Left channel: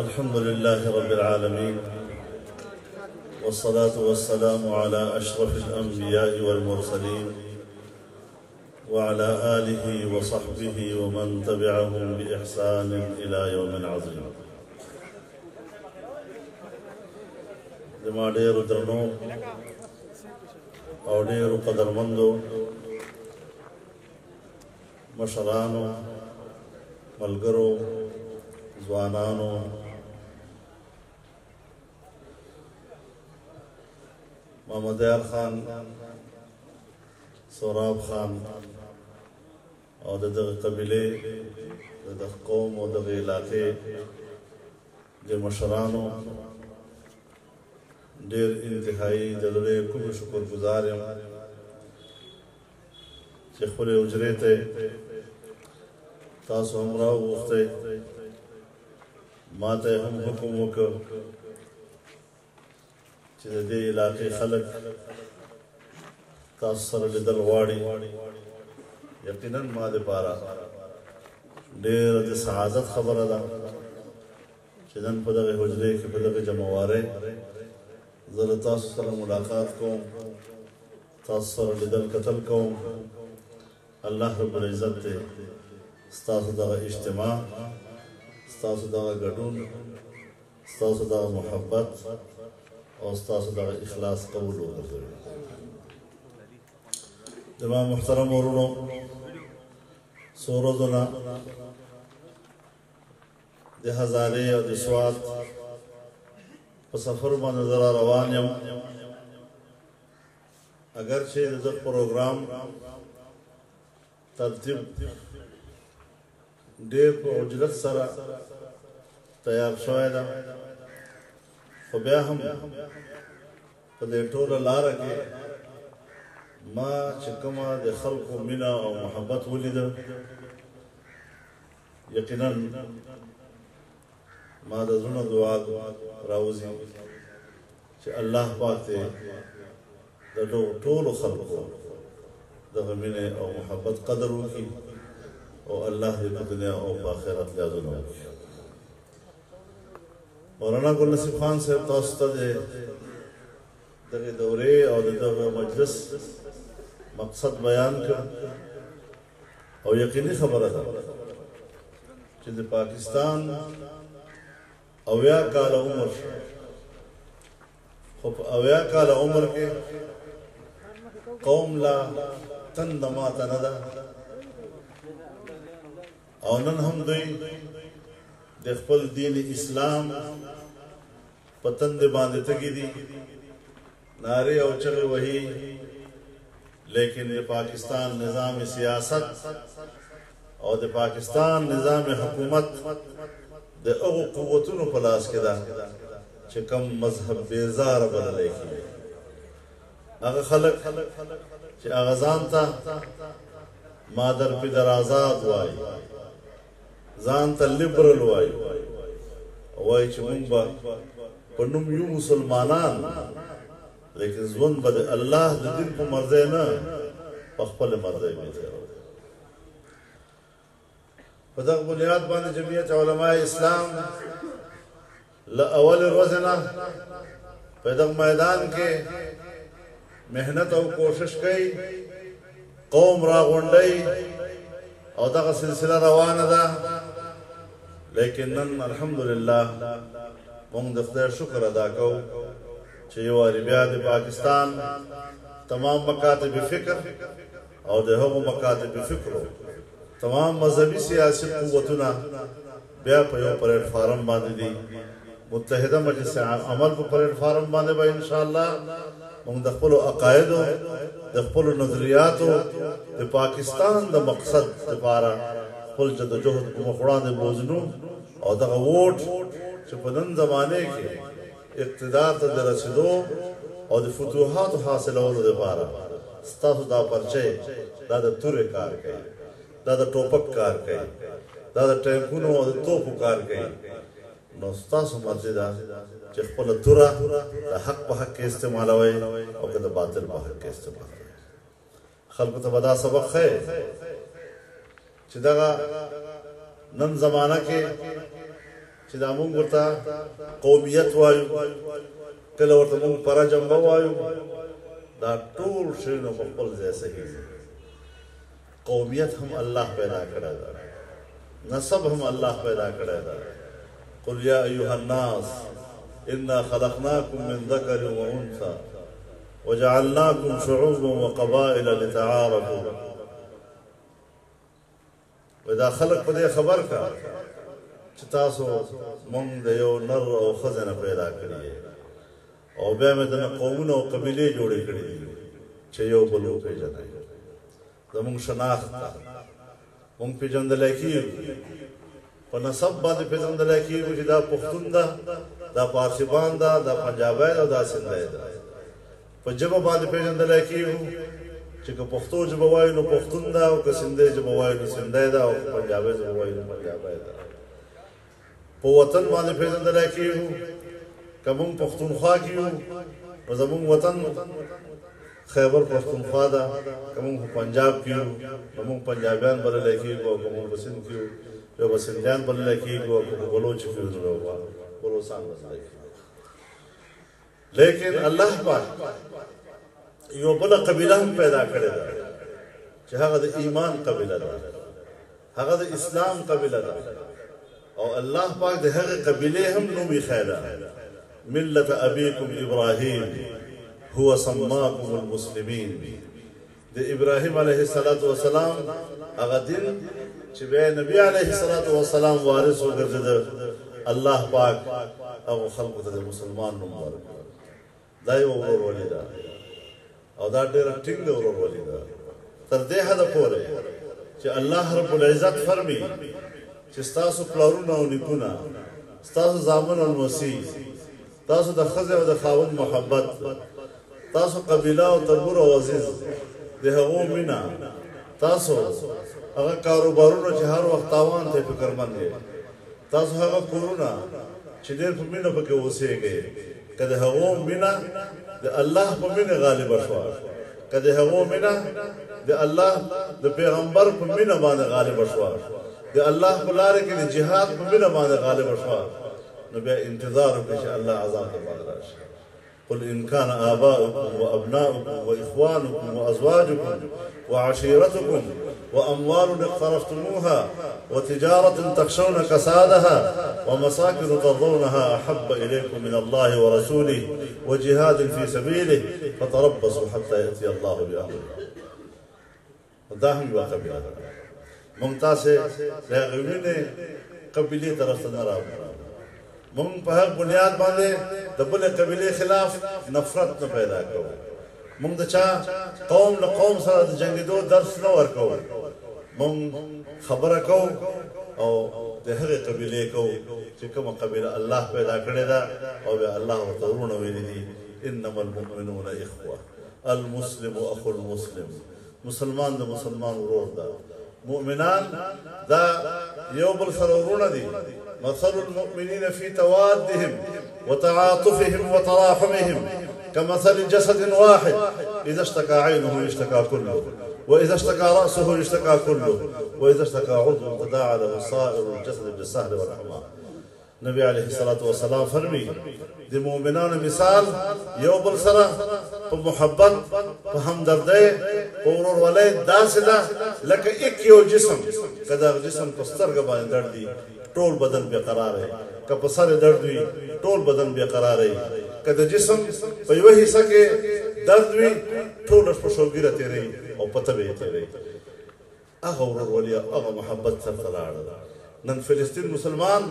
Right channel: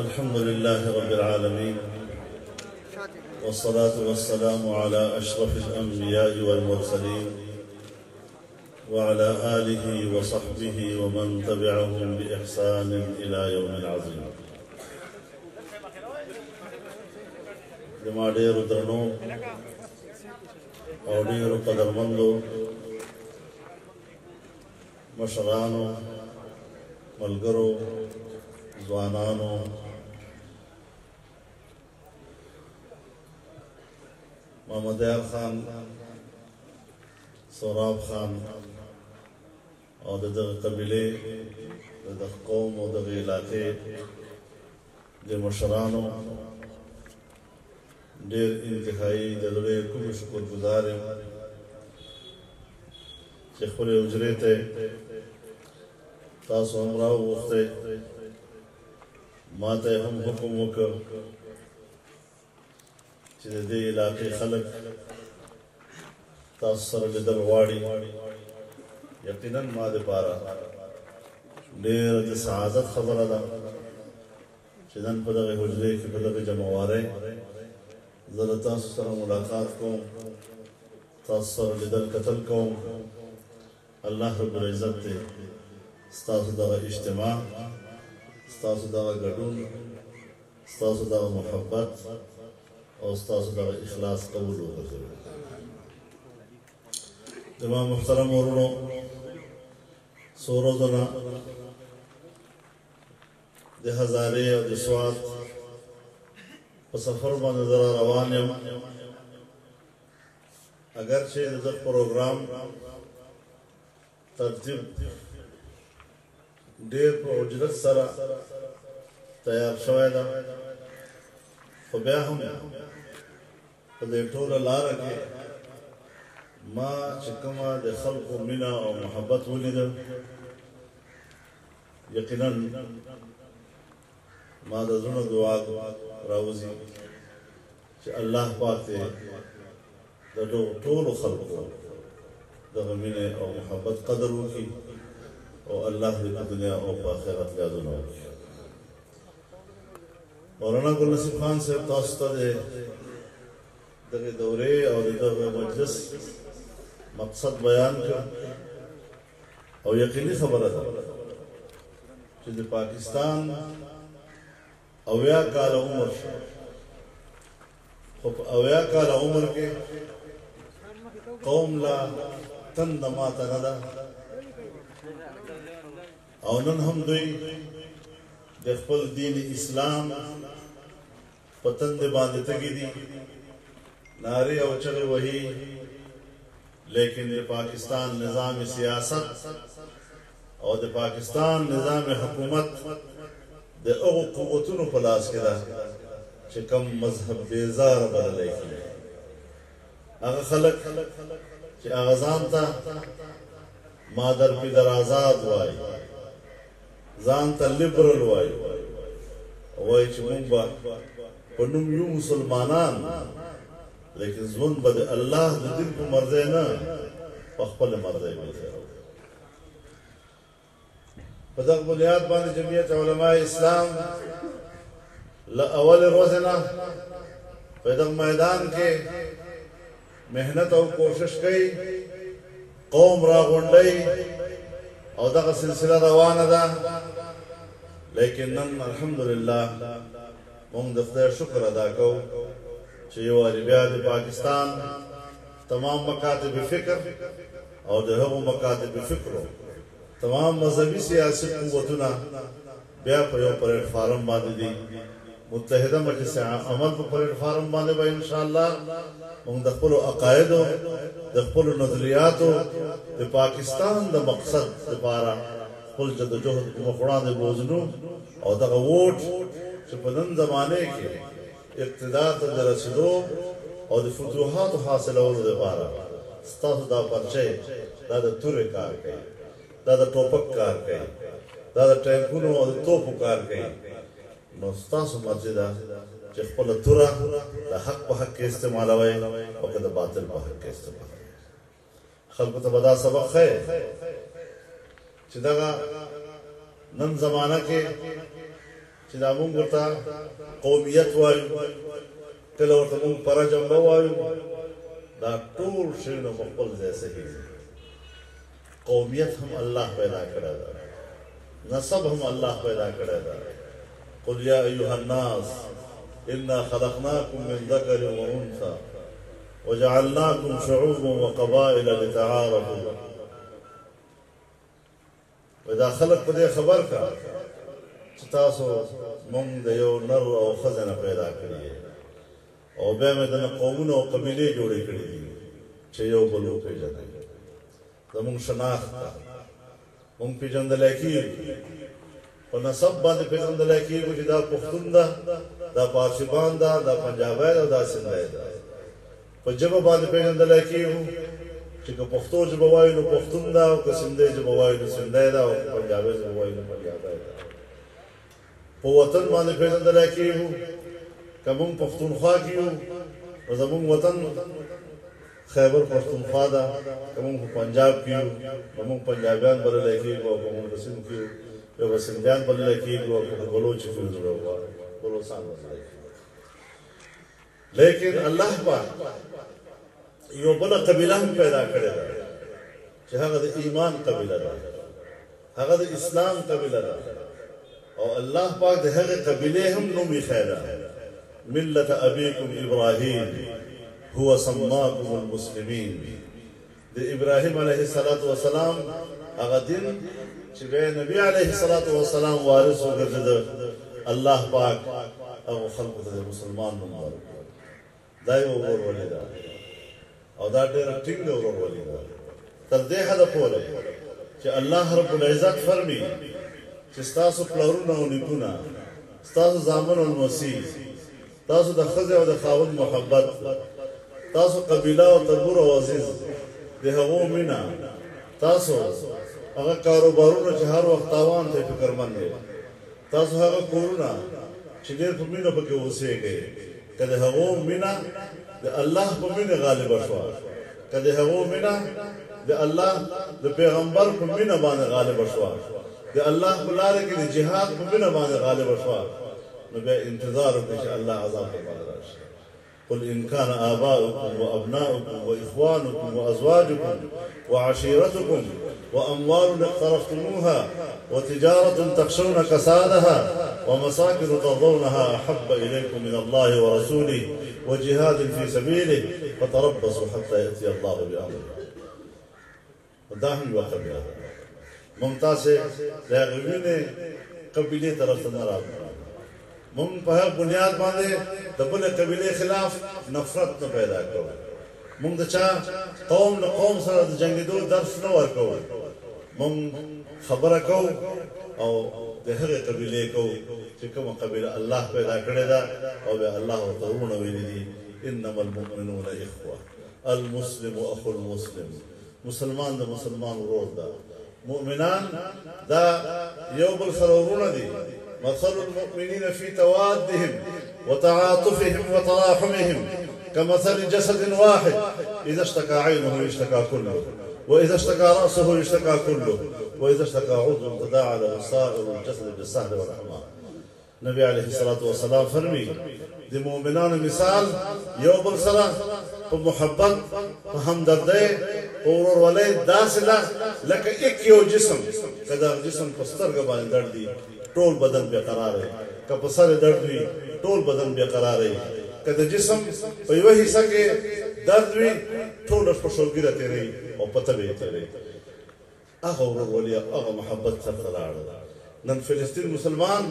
الحمد لله رب العالمين، والصلاة والسلام على أشرف الأنبياء والمرسلين وعلى آله وصحبه ومن تبعهم بإحسان إلى يوم عظيم. زما ډېرو درنو او ډېرو قدرمندو مشرانو، ملګرو، ځوانانو، محمد یار خان، سوراب خان او دغه قبیلې، دغه قوم او دغه علاقې د مشرانو ډېر انتهایی د زړه کوم شکر گزار یم چې خپلې حجرې ته تاسو هم راوغوښتئ. ما ته هم حکم وکړ چې د دې علاقې خلک تاسو سره لیدل غواړي. یقینا ما دپاره ډېره د سعادت خبره ده چې نن په دغه حجرې کې په دغه جمعوارۍ زه له تاسو سره ملاقات کوم، تاسو سره لیدل کتل کوم. الله رب العزت دی ستاسو دغه اجتماع، ستاسو دغه ګډون، ستاسو دغه محبت او ستاسو دغه اخلاص قبول وګرځوي. زما محترم ورونو، څو ورځو نه د هزارې او د سوات په سفر باندې زه را روان یم. اگر چې د ده پروګرام ترتیب ډېر په عجلت سره تیار شوی ده، خو بیا هم په دې ټوله لاره کې ما چې کومه د خلکو مینه او محبت ولیده، یقینا ما د زړه دعا راوځي چې الله پاک دې د ټولو خلکو دغه مینې او محبت قدر وکړي او الله دې په دنیا او په آخرت لازمه وکړي. مولانا ګل نصیب خان صاحب تاسو ته د دغه دورې او د دغه مجلس مقصد بیان کړ او یقیني خبره ده چې د پاکستان 80 کاله عمر، خو په 80 کاله عمر کې قوم لا تند ماته نه ده او نن هم دوی د خپل دین اسلام په تندې باندې تږي دي، نارې او چغې وهي، لیکن د پاکستان نظام سیاست او د پاکستان نظام حکومت د هغو قوتونو په لاس کې ده چې کوم مذهب بیزار بللی کېږي. هغه خلک چې هغه ځان ته مادر پدر آزاد وایي، ځان ته لیبرل وایي، وایي چې موږ به په نوم یو مسلمانان، لیکن ژوند به د الله د دین په مرضۍ نه په خپله مرضۍ وي. په دغه بنیاد باندې جمعیت علماء اسلام له اول ورځې نه په دغه میدان کې محنت او کوشش کوي، قوم راغونډوي او دغه سلسله روانه ده. لیکن نن الحمدلله موږ د خدای شکر ادا کوو چې یو وارې بیا د پاکستان تمام مکاتب فکر او د هغو مکاتب فکرو تمام مذهبي سیاسي قوتونه بیا په یو پلیټ فارم باندې دي. متحده مجلس عمل په پلیټ فارم باندې به انشاءالله موږ د خپلو عقایدو، د خپلو نظریاتو د پاکستان د مقصد لپاره خپل جدوجهد په مخ وړاندې بوځنو او دغه ووټ چې په نن زمانې کې اقتدار ته د رسېدو او د فتوحاتو حاصلولو لپاره ستاسو دا پرچې دا د تورې کار کوي، دا د ټوپک کار کوي، دا د ټینکونو او د توپو کار کوي. نو ستاسو مرضي ده چې خپله توره د حق په حق کې استعمالوئ او که د باطل په حق کې استعمالوئ. خلکو ته به دا سبق ښیي چې دغه نن زمانه کې چې دا مونږ ورته قومیت وایو کله ورته مونږ پرجمبه وایو دا ټول شیونه په خپل ځای صحیح دي قومیت هم الله پیدا کړی ده نسب هم الله پیدا کړی ده قل یا ایها الناس انا خلقناکم من ذکر و انثى وجعلناکم شعوبا وقبائل لتعارفوا ودا خلق په دې خبر کا چې تاسو مونږ د یو نر او ښځه نه پیدا کړي او بیا مې د قومونو او قبیلې جوړې کړې دي چې یو بل وپېژني زمونږ شناخت مونږ پېژندلی کېږو په نسب باندې پېژندلی کېږو چې دا پښتون ده دا پارسیبان ده دا پنجابی ده او دا سندی ده په ژبه باندې پېژندلی کېږو چې که پښتو ژبه وایو نو پښتون ده او که سندی ژبه وایو نو سندی ده او که پنجابی ژبه وایو نو پنجابی ده په وطن باندې پېژندلی کېږو که مونږ پښتونخوا کې یو نو زمونږ وطن خیبر پښتونخوا ده که مونږ په پنجاب کې یو نو مونږ پنجابیان بللی کېږو او که مونږ په سند کې یو به سندیان بللی کېږو او که په بلوچ کې یو بلوچستان بللی کېږو لیکن الله پاک یو بله قبیله هم پیدا کړې ده چې هغه د ایمان قبیله ده هغه د اسلام قبیله ده او الله پاک د هغې قبیلې هم نوم ایښی ده ملت ابيكم ابراهيم هو سماكم المسلمين د ابراهيم عليه الصلاه والسلام هغه دین چې به نبی عليه الصلاه والسلام وارث وګرځید الله پاک او خلقو ته مسلمان نوم ورکړ دا یو ورولې ده او دا ډېر ټینګ ورولې ده تر دې حده پورې چې الله رب العزت فرمي چې ستاسو پلارونه او نیکونه ستاسو زامن او مسیح تاسو د ښځې او د خاوند محبت تاسو قبیله او تربور او عزیز د هغو مینه تاسو هغه کاروبارونه چې هر وخت تاوان ته فکرمند دي تاسو هغه کورونه چې ډېر په مینه پکې اوسېږئ که د هغو مینه د الله په مینه غالبه شوه که د هغو مینه د الله د پیغمبر په مینه باندې غالبه شوه د الله په لاره کې د جهاد په مینه باندې غالبه شوه نو بیا انتظار وکړئ چې الله عذاب ته باندې راشي قل ان كان آباؤكم وأبناؤكم وإخوانكم وأزواجكم وعشيرتكم وأموال اقترفتموها وتجارة تخشون كسادها ومساكن ترضونها أحب إليكم من الله ورسوله وجهاد في سبيله فتربصوا حتى يأتي الله بأمره وداهم وقبله ممتاز ہے قبیلے طرف سے ناراض مونږ په هغه بنیاد باندې د بلې قبیلې خلاف نفرت نه پیدا کوو مونږ د چا قوم له قوم سره د جنګېدو درس نه ورکوو مونږ خبره کوو او د هغې قبیلې کوو چې کومه قبیله الله پیدا کړې ده او بیا الله ورته ورونه ویلي دي انما المؤمنون اخوه المسلم اخو المسلم مسلمان د مسلمان ورور ده مؤمنان دا یو بل سره ورونه دي مثل المؤمنين في توادهم وتعاطفهم وتراحمهم كمثل جسد واحد إذا اشتكى عينه يشتكى كله وإذا اشتكى رأسه يشتكى كله وإذا اشتكى عضو تداعى له سائر الجسد بالسهل والحمى نبي عليه الصلاة والسلام فرمي دي مؤمنان مثال یو بل سره په محبت په همدردۍ په ورورولۍ داسې ده لکه ایک یو جسم که دا جسم په سترګه باندې درد دي ټول بدن بے قرار ہے که په سر درد وي ټول بدن بے قرار ہے که د جسم په یوه حصه کې درد وي ټول په شوګیره تیری او پته به تیری هغه ورورولي هغه محبت سره لاړ نن فلسطین مسلمان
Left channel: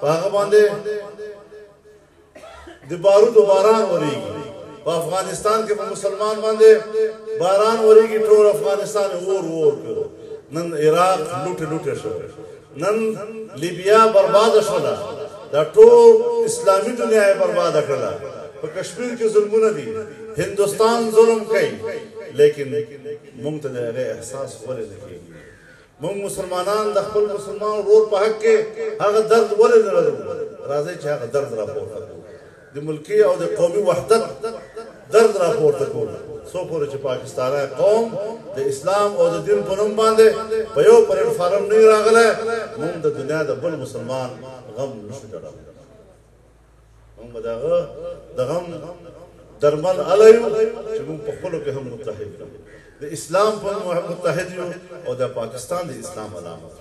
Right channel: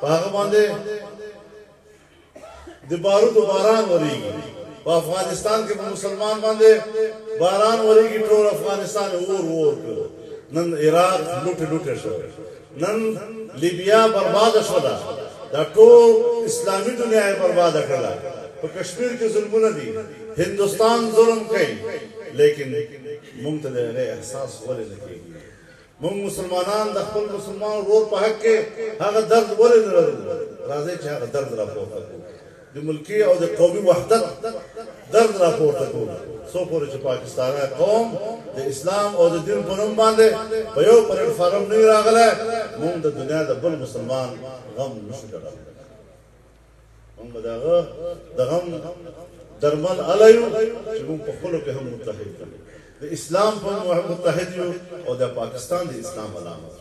په هغه باندې د بارود باران وريږي په افغانستان کې په مسلمان باندې باران وريږي ټول افغانستان اور کړو نن عراق لوټه شو نن لیبیا برباد شوه دا ټول اسلامي دنیا یې برباد کړه په کشمیر کې ظلمونه دي هندوستان ظلم کوي لیکن موږ ته د احساس ولې نه کېږي موږ مسلمانان د خپل مسلمان ورور په حق کې هغه درد ولې نه لرو راځي چې هغه درد راپورته کړو د ملکي او د قومي وحدت درد راپورته کړو څو پورې چې پاکستاني قوم د اسلام او د دین په نوم باندې په یو پلیټ فارم نه راغله موږ د دنیا د بل مسلمان غم نشو لرل موږ به د هغه د غم درمل علیو چې موږ په خپلو کې هم متحد یو د اسلام په هم متحد یو او د پاکستان د اسلام علامت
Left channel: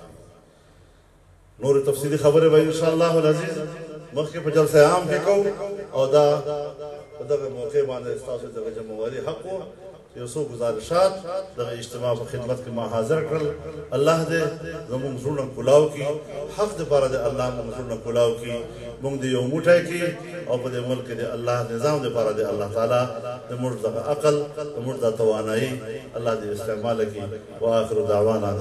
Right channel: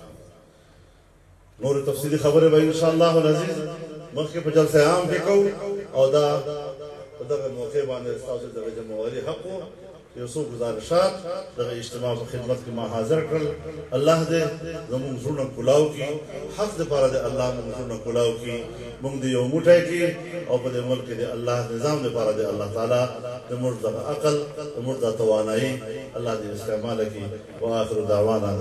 نور تفصیلی خبره به ان شاء الله العزیز مخکې په جلسه عام کې کوو او دا په دغه موقع باندې تاسو د جمهوریت حق یو څو گزارشات دغه اجتماع په خدمت کې ما حاضر کړل الله دې زموږ زړونه کلاو کړي حق دې لپاره دې الله موږ زړونه کلاو کړي موږ دې یو موټی کړي او په دې ملک کې دې الله نظام دې لپاره دې الله تعالی دې موږ د عقل دې موږ د توانایي الله دې استعمال کړي واخر دعوانا